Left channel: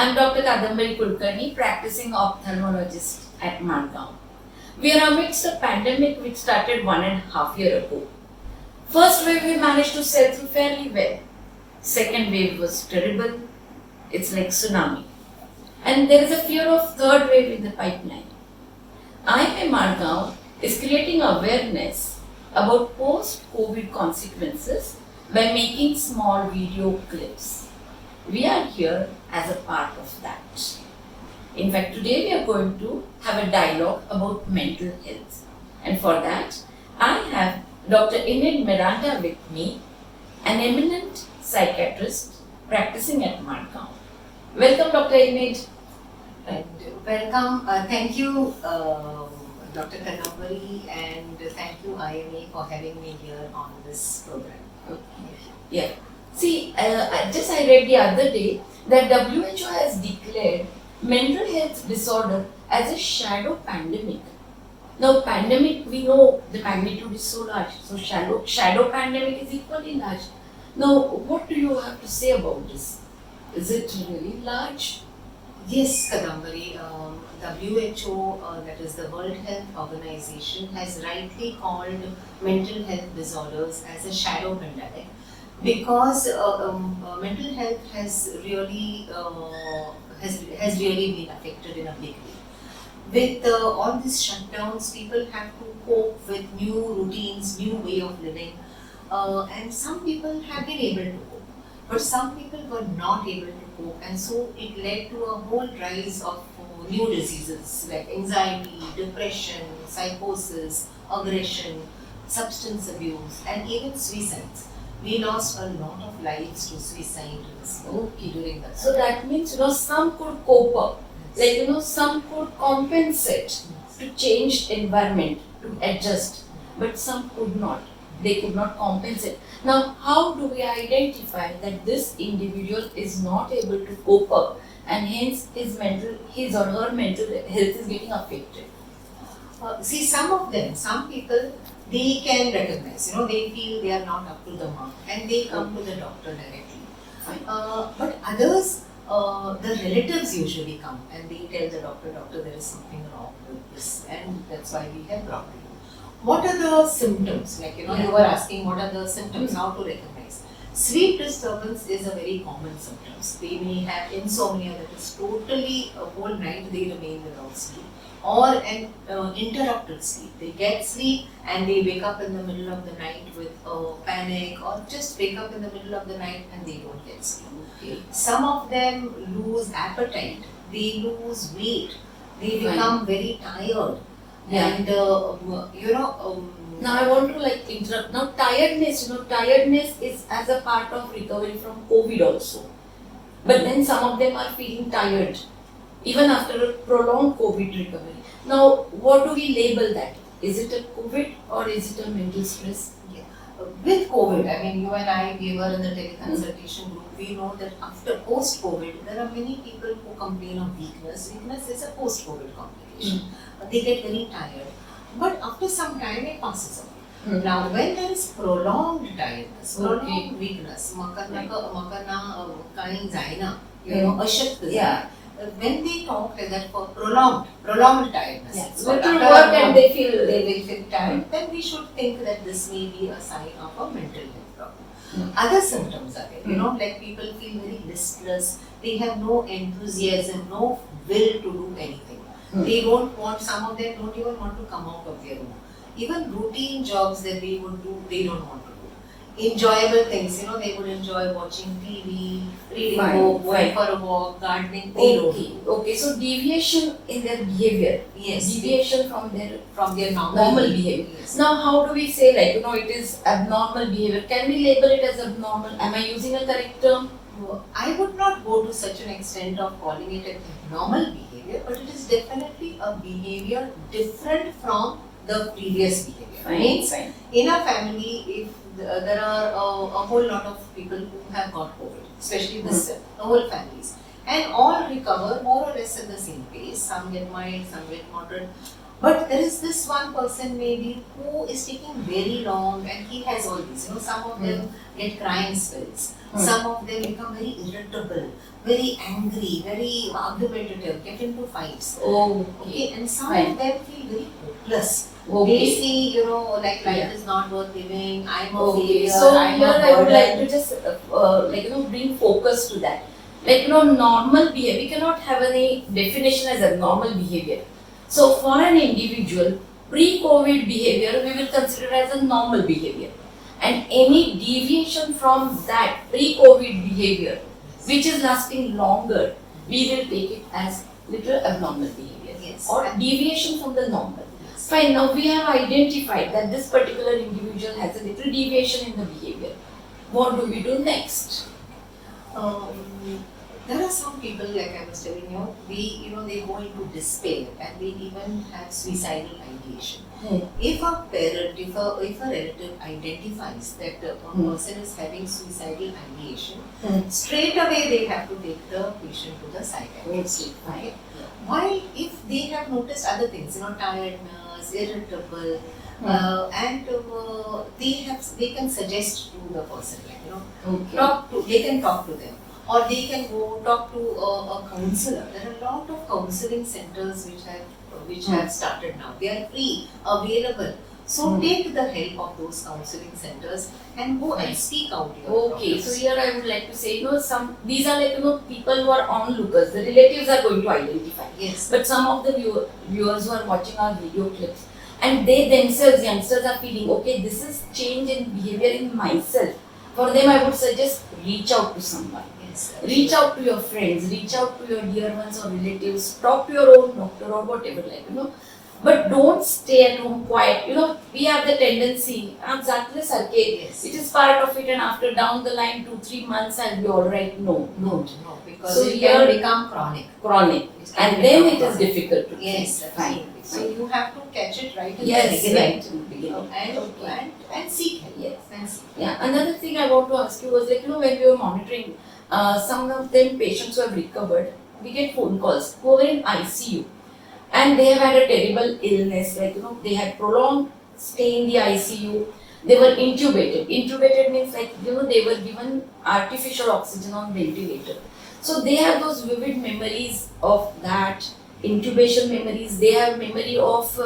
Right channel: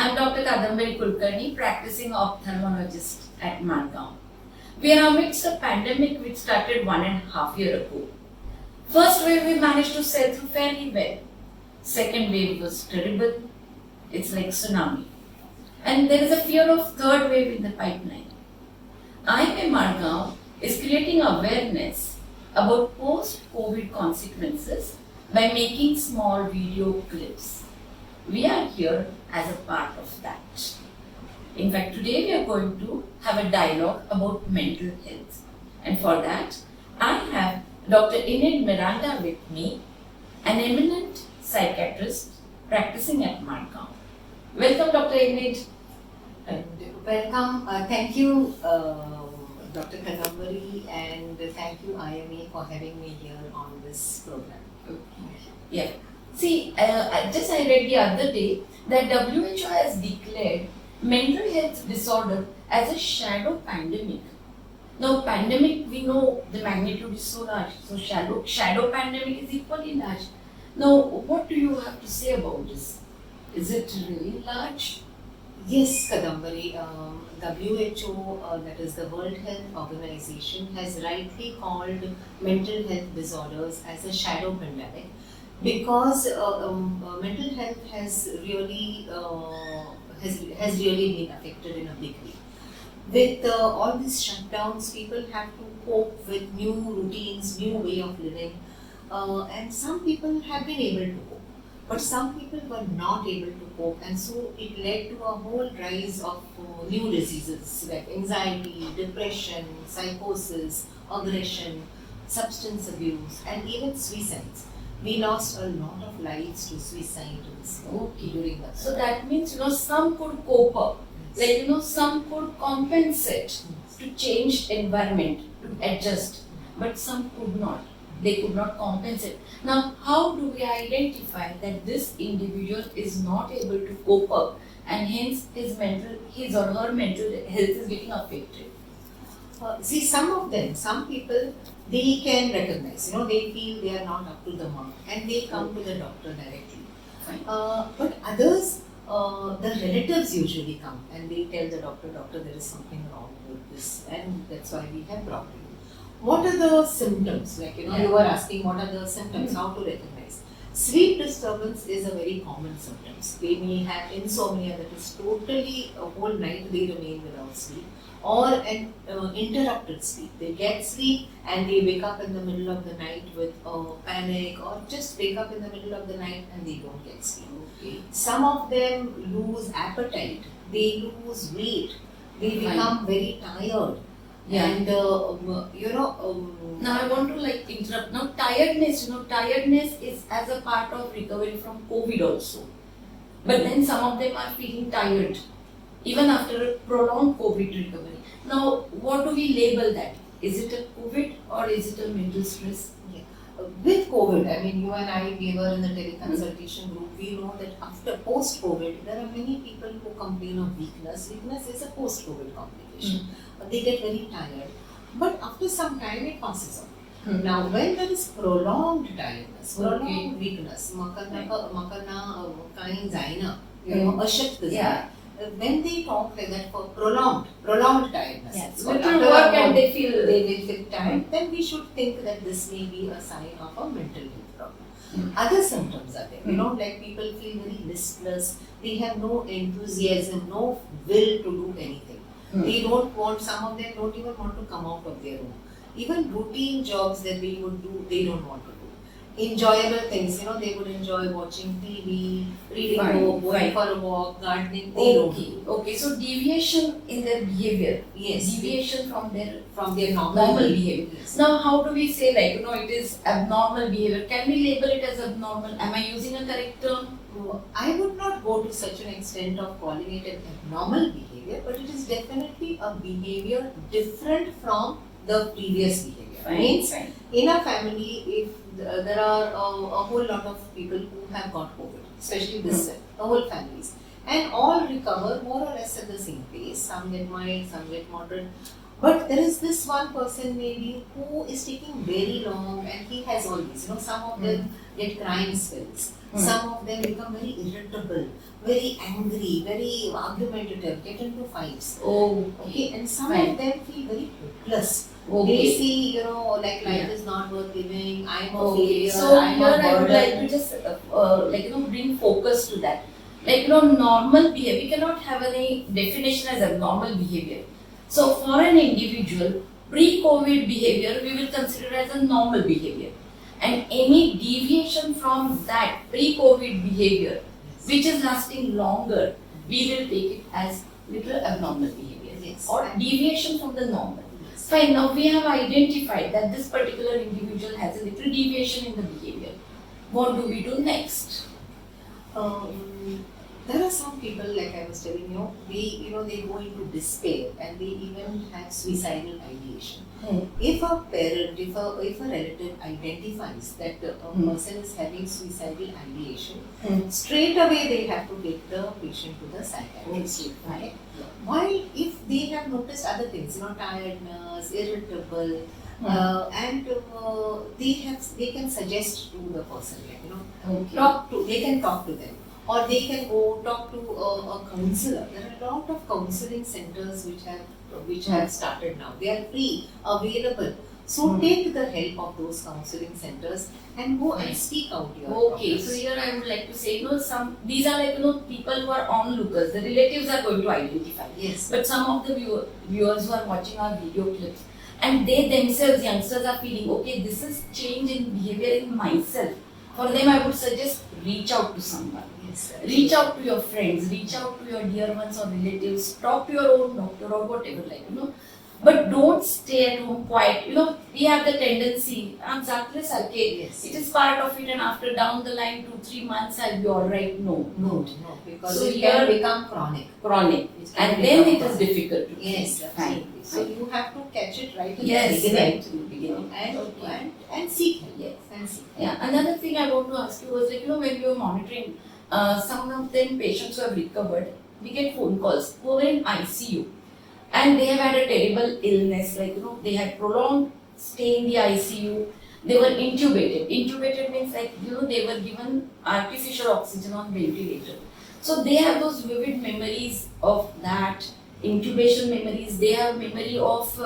I'm Dr. Kadambari Kulkarni, practicing ophthalmologist at Madgaon. We are amidst a pandemic which started 1.5 years ago. First wave we managed to sail through fairly well. Second wave was terrible. It's like tsunami. And there is a fear of third wave in the pipeline. IIM Madgaon is creating awareness about post-COVID consequences by making small video clips. We are here as a part of that. In fact, today we are going to have a dialogue about mental health. And for that, I have Dr. Enid Miranda with me, an eminent psychiatrist practicing at Madgaon. Welcome, Dr. Enid. And welcome. Thank you, Dr. Kadambari, and thank you, IMA, for having me here on this program. Yeah. See, I read the other day that WHO has declared mental health disorder as a shadow pandemic. Now, pandemic, we know the magnitude is so large, so shadow pandemic is equally large. Now, what do you have to say about this? Is it really large? Yes, Kadambari, WHO, that is the World Health Organization, has rightly called mental health disorders as a shadow pandemic because mental health has really been affected in a big way. With all these shutdowns, people have to cope with new routines, new way of living, and some people have been able to cope. But some people were not able to cope, and so it led to a whole rise of new diseases like anxiety, depression, psychosis, aggression, substance abuse, and even suicides. We lost a lot of lives to suicide during that. So that means, some could cope up, some could compensate to change environment, to adjust, but some could not. They could not compensate. Now, how do we identify that this individual is not able to cope up and hence his or her mental health is getting affected? See, some people, they can recognize, they feel they are not up to the mark and they come to the doctor directly. But others, the relatives usually come and they tell the doctor, there is something wrong with this, and that's why we have brought you. What are the symptoms? You were asking what are the symptoms, how to recognize. Sleep disturbance is a very common symptom. They may have insomnia, that is totally a whole night they remain without sleep, or an interrupted sleep. They get sleep and they wake up in the middle of the night with panic, or just wake up in the middle of the night and they don't get sleep. Okay. Some of them lose appetite, they lose weight, they become very tired. Yeah. And now I want to interrupt. Now tiredness is as a part of recovery from COVID also. But then some of them are feeling tired even after a prolonged COVID recovery. Now what do we label that? Is it a COVID or is it a mental stress? Yeah. With COVID, you and I, we were in the teleconsultation group. We know that after post-COVID, there are many people who complain of weakness. Weakness is a post-COVID complication. They get very tired. But after some time, it passes on. Now, when there is prolonged tiredness, prolonged weakness, when they talk like that for prolonged tiredness, little work and they will feel tired, then we should think that this may be a sign of a mental health problem. Other symptoms are there, like people feel very listless, they have no enthusiasm, no will to do anything. They don't want, some of them don't even want to come out of their room. Even routine jobs that they would do, they don't want to do. Enjoyable things, they would enjoy watching TV, reading book, going for a walk, gardening, they don't do. Okay, so deviation in their behavior. Yes. Deviation from their normal behavior. Yes. Now how do we say it is abnormal behavior? Can we label it as abnormal? Am I using a correct term? I would not go to such an extent of calling it an abnormal behavior, but it is definitely a behavior different from the previous behavior. In a family, if there are a whole lot of people who have got COVID, especially the whole families, and all recover more or less at the same pace, some get mild, some get moderate. But there is this one person maybe who is taking very long, and he has all these. Some of them get crying spells. Some of them become very irritable, very angry, very argumentative, get into fights. Oh, Okay, and some Fine. of them feel very hopeless. They okay. see, like life is not worth living. I'm a Okay, failure. so I'm here a I would like burden. to just bring focus to that. Normal behavior. We cannot have any definition as abnormal behavior. So for an individual, pre-COVID behavior we will consider as a normal behavior, and any deviation from that pre-COVID behavior, which is lasting longer, we will take it as little abnormal behavior Yes. or deviation from the normal. Yes. Fine, now we have identified that this particular individual has a little deviation in the behavior. What do we do next? There are some people, like I was telling you, they go into despair and they even have suicidal ideation. If a parent, if a relative identifies that a person is having suicidal ideation, straight away they have to take the patient to the psychiatrist. Okay, fine. While if they have noticed other things, tiredness, irritable, and they can suggest to the person, Okay. they can talk to them, or they can go talk to a counselor. There are a lot of counseling centers which have started now. They are free, available. So take the help of those counseling centers and go and speak out your Okay, problems. so here I would like to say, these are people who are onlookers. The relatives are going to identify. Yes. But some of the viewers who are watching our video clips, and they themselves, youngsters, are feeling, okay, this is change in behavior in myself. For them, I would suggest reach out to someone. Yes. Reach out to your friends, reach out to your dear ones or relatives, talk to your own doctor or whatever, But don't stay at home quiet. We have the tendency, Yes. it is part of it, and after down the line, 2-3 months, I'll be alright. No, No, because So it here- can become chronic. chronic. It can And then become it is chronic. difficult to Yes, change. absolutely. So you have to catch it right in Yes, the beginning. right in the beginning. And seek help. Yes. And seek help. Yeah, another thing I want to ask you was when we were monitoring some of them patients who have recovered, we get phone calls who were in ICU and they have had a terrible illness, they had prolonged stay in the ICU, they were intubated. Intubated means they were given artificial oxygen on ventilator. So they have those vivid memories of that, intubation memories, they have memory of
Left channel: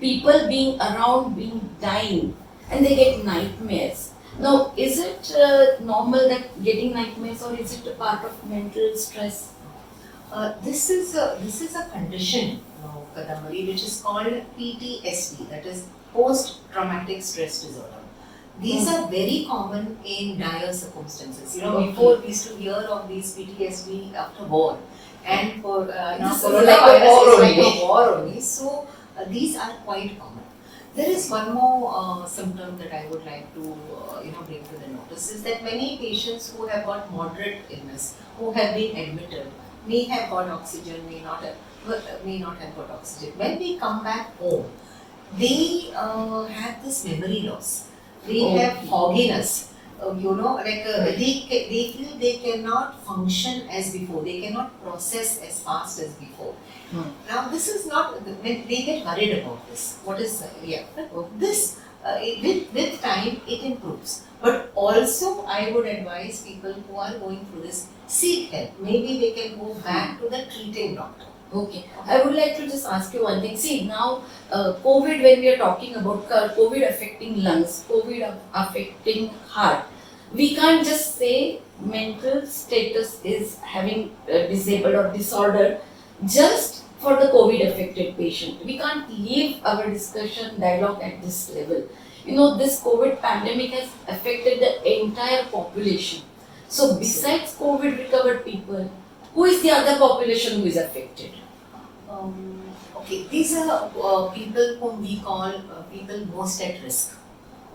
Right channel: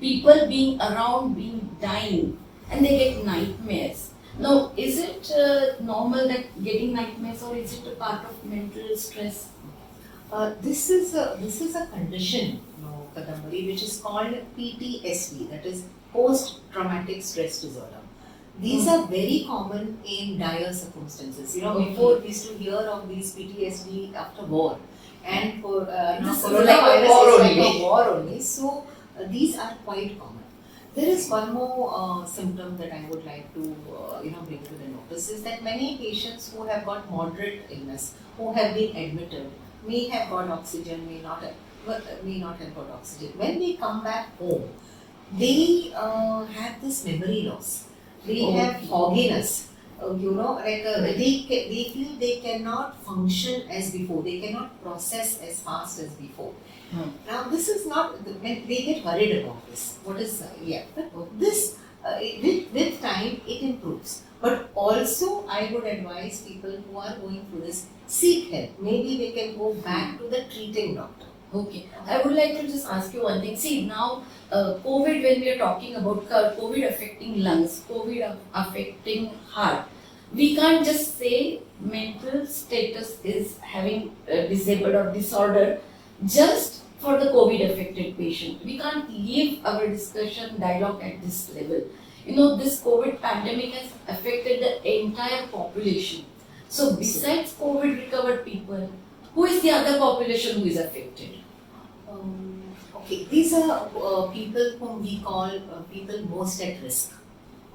people being around, being dying, and they get nightmares. Now, is it normal that getting nightmares, or is it a part of mental stress? This is a condition, Kadambari, which is called PTSD, that is post-traumatic stress disorder. These are very common in dire circumstances. Before we used to hear of these PTSD after war, and for This is coronavirus like a war is like only. a war only. So these are quite common. There is one more symptom that I would like to bring to the notice, is that many patients who have got moderate illness, who have been admitted, may have got oxygen, may not have got oxygen. When they come back home, they have this memory loss. They have fogginess. They feel they cannot function as before. They cannot process as fast as before. Now this is not. They get worried about this. But this with time it improves. But also I would advise people who are going through this, seek help. Maybe they can go back to the treating doctor. Okay, I would like to just ask you one thing. See, now COVID, when we are talking about COVID affecting lungs, COVID affecting heart, we can't just say mental status is having disabled or disorder just for the COVID affected patient. We can't leave our discussion dialogue at this level. This COVID pandemic has affected the entire population. So besides COVID recovered people, who is the other population who is affected? Okay, these are people whom we call people most at risk.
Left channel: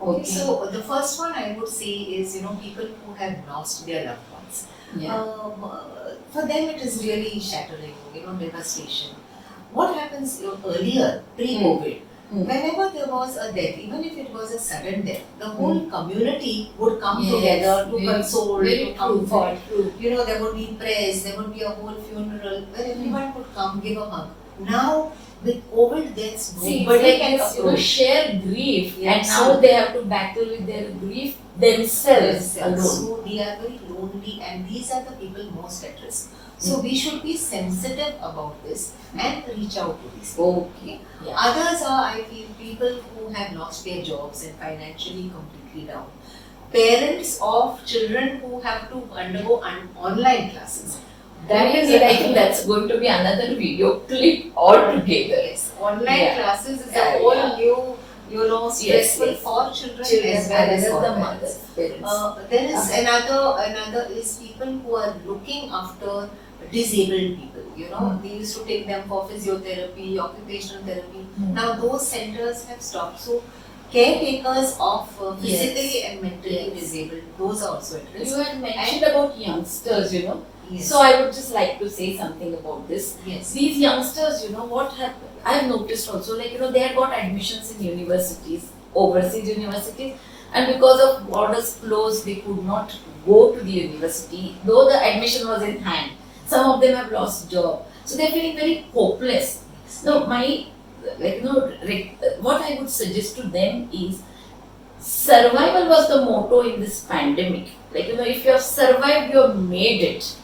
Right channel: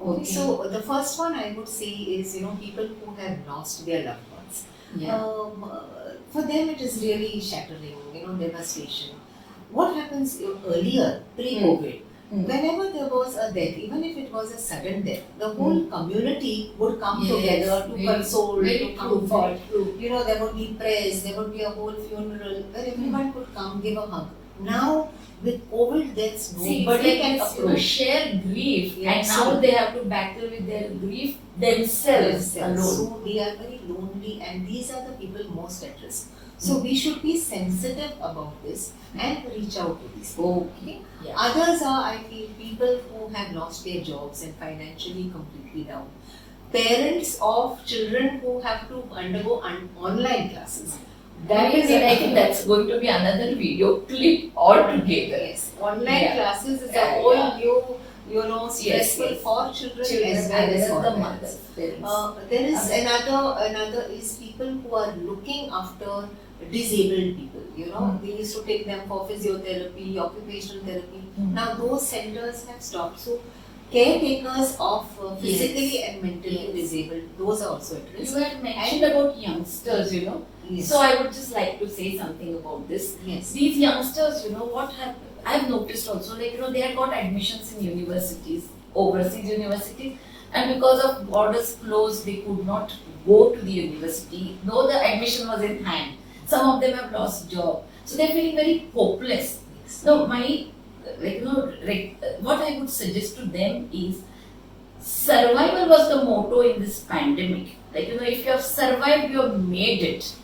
Okay. So the first one I would say is people who have lost their loved ones. Yeah. For them it is really shattering, devastation. What happens earlier, pre-COVID, whenever there was a death, even if it was a sudden death, the whole community would come together to console, to comfort. There would be prayers, there would be a whole funeral where everyone could come, give a hug. now with COVID, there's See, nobody it's can like approach. share grief, Yeah, and now they have to battle with their grief themselves alone. So they are very lonely, and these are the people most at risk. So we should be sensitive about this and reach out to these people. Okay. Yeah. Others are, I feel, people who have lost their jobs and financially completely down. Parents of children who have to undergo online classes. That is, I think that's going to be another video clip altogether. Yes, online Yeah. classes is Yeah, a whole yeah. new, stressful yes. for children, Children as well as the for parents. mothers, parents. There is Okay. another is people who are looking after disabled people. They used to take them for physiotherapy, occupational therapy. Now those centers have stopped. So caretakers of physically and mentally Yes. disabled, those are also at risk. You had mentioned about youngsters, Yes. So I would just like to say something about this. Yes. These youngsters, what happened? I've noticed also, they had got admissions in universities, overseas universities, and because of borders closed, they could not go to the university, though the admission was in hand. Some of them have lost job, so they're feeling very hopeless. So what I would suggest to them is survival was the motto in this pandemic. If you have survived, you have made it.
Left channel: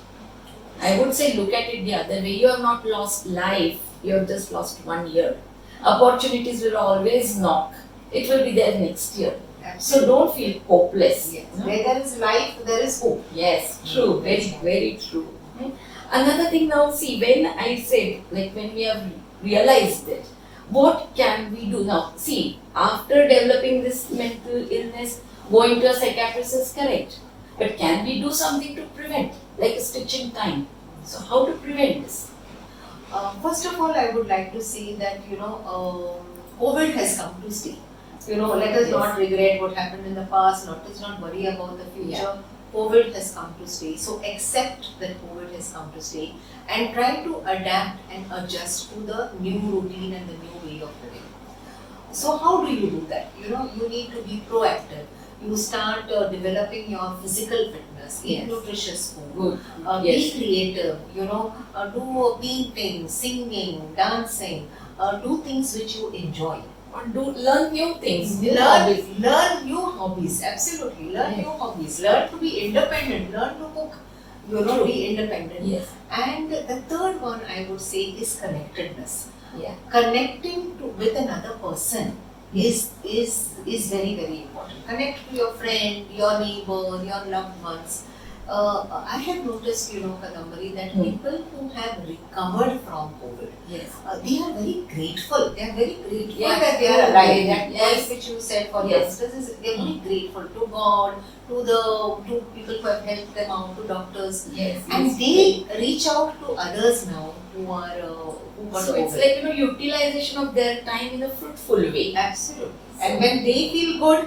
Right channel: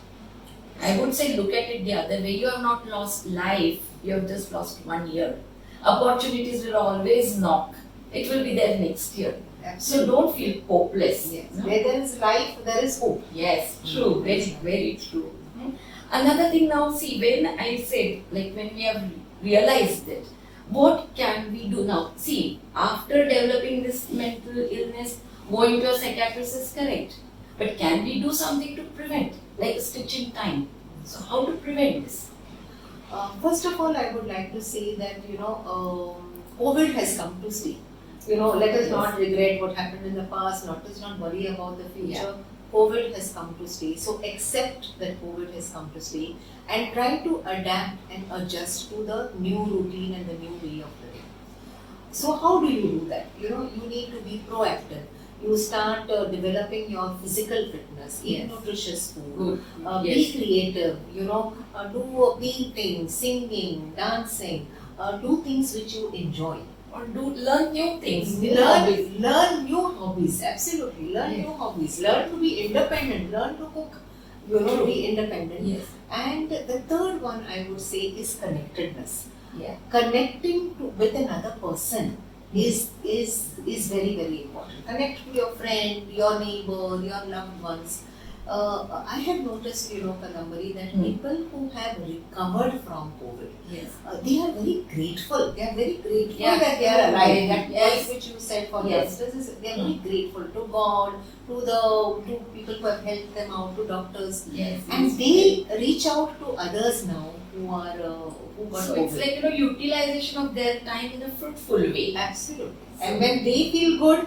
I would say look at it the other way. You have not lost life, you have just lost 1 year. Opportunities will always knock. It will be there next year. So don't feel hopeless. Yes. no? Where there is life, there is hope. Yes, true, very, very true. Another thing now, see, when I said, when we have realized it, what can we do now? See, after developing this mental illness, going to a psychiatrist is correct. But can we do something to prevent, like a stitch in time? So how to prevent this? First of all, I would like to say that COVID has come to stay. Let us Yes. not regret what happened in the past. Let us not worry about the future. COVID has come to stay. So accept that COVID has come to stay and try to adapt and adjust to the new routine and the new way of living. So how do you do that? You need to be proactive. You start developing your physical fitness, eat Yes. nutritious food, Good. be Yes. creative, do painting, singing, dancing, do things which you enjoy. Or learn new things. New Learn, hobbies. learn new hobbies, absolutely. Learn Yes. new hobbies. Learn to be independent. Learn to cook. True. Be independent. Yes. And the third one I would say is connectedness. Yeah. Connecting with another person is very, very important. Connect to your friend, your neighbor, your loved ones. I have noticed, Kadambari, that people who have recovered from COVID, Yes. they are very grateful. They are very grateful Yeah. that they are alive. Yes. That point which you said for Yes. youngsters is they are very grateful to God, to people who have helped them out, to doctors, Yes. and yes. they reach out to others now who got So it's COVID. like utilization of their time in a fruitful way. Absolutely. And when they feel good,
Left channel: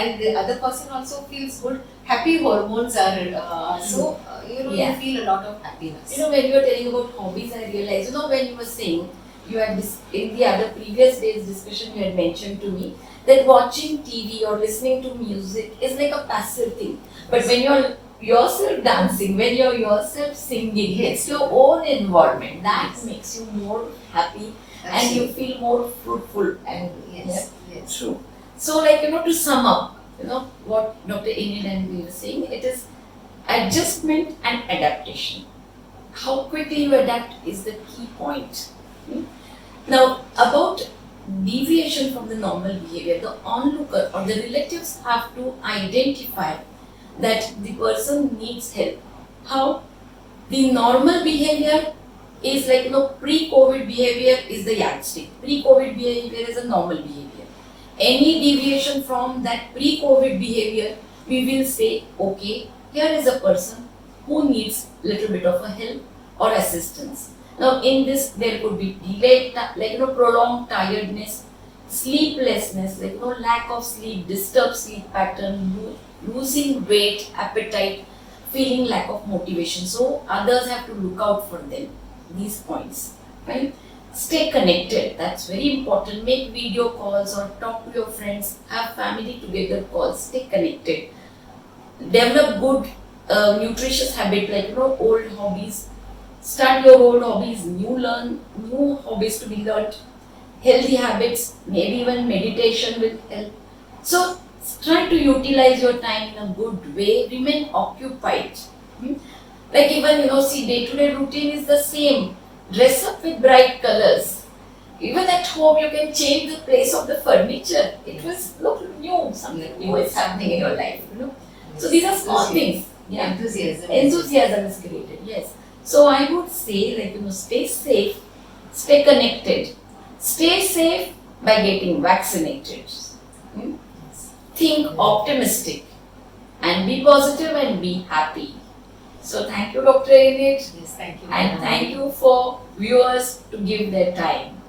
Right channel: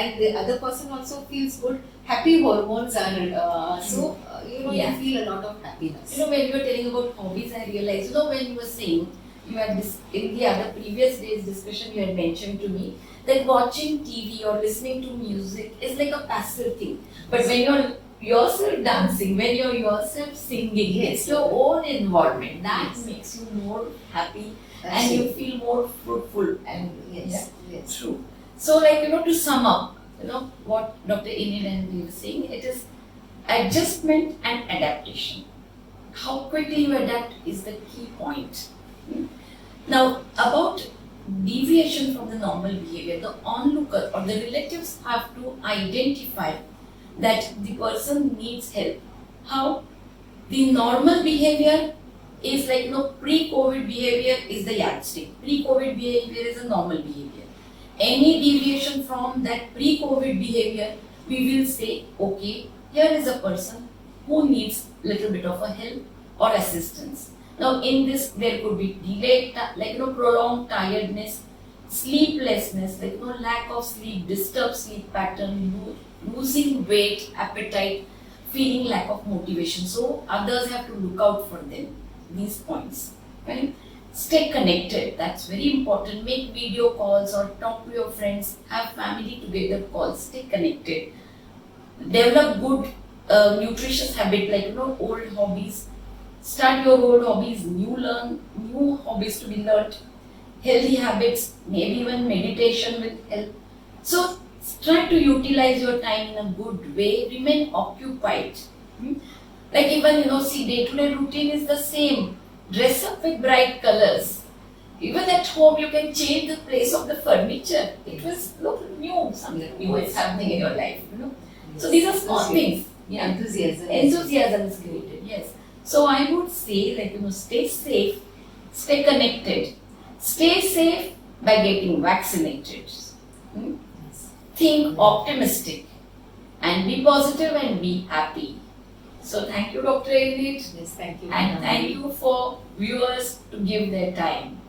and the other person also feels good, happy hormones are Yeah. you feel a lot of happiness. When you were telling about hobbies, I realized, when you were saying, you had in the other previous day's discussion, you had mentioned to me that watching TV or listening to music is like a passive thing. But when you're yourself dancing, when you're yourself singing, Yes. it's your own involvement. That Yes. makes you more happy and Absolutely. you feel more fruitful. And Yes, yes. true. So, to sum up, what Dr. Enid and we were saying, it is adjustment and adaptation. How quickly you adapt is the key point. Now, about deviation from the normal behavior, the onlooker or the relatives have to identify that the person needs help. How? The normal behavior is pre-COVID behavior is the yardstick. Pre-COVID behavior is a normal behavior. Any deviation from that pre-COVID behavior, we will say, okay, here is a person who needs little bit of a help or assistance. Now in this there could be delayed, prolonged tiredness, sleeplessness, lack of sleep, disturbed sleep pattern, losing weight, appetite, feeling lack of motivation. So others have to look out for them, these points, right? Stay connected, that's very important. Make video calls or talk to your friends, have family together calls, stay connected. Develop good nutritious habit old hobbies. Start your old hobbies, new hobbies to be learnt, healthy habits, maybe even meditation will help. So try to utilize your time in a good way, remain occupied. Hmm? Like even see, day-to-day routine is the same. Dress up with bright colors. Even at home, you can change the place of the furniture. It will look new. Something new is happening in your life. So these are small things. Yeah. Enthusiasm is created. Yes. So I would say, stay safe, stay connected, stay safe by getting vaccinated. Hmm? Think optimistic, and be positive and be happy. So thank you, Dr. Enid. Yes, thank you. And thank you for viewers to give their time.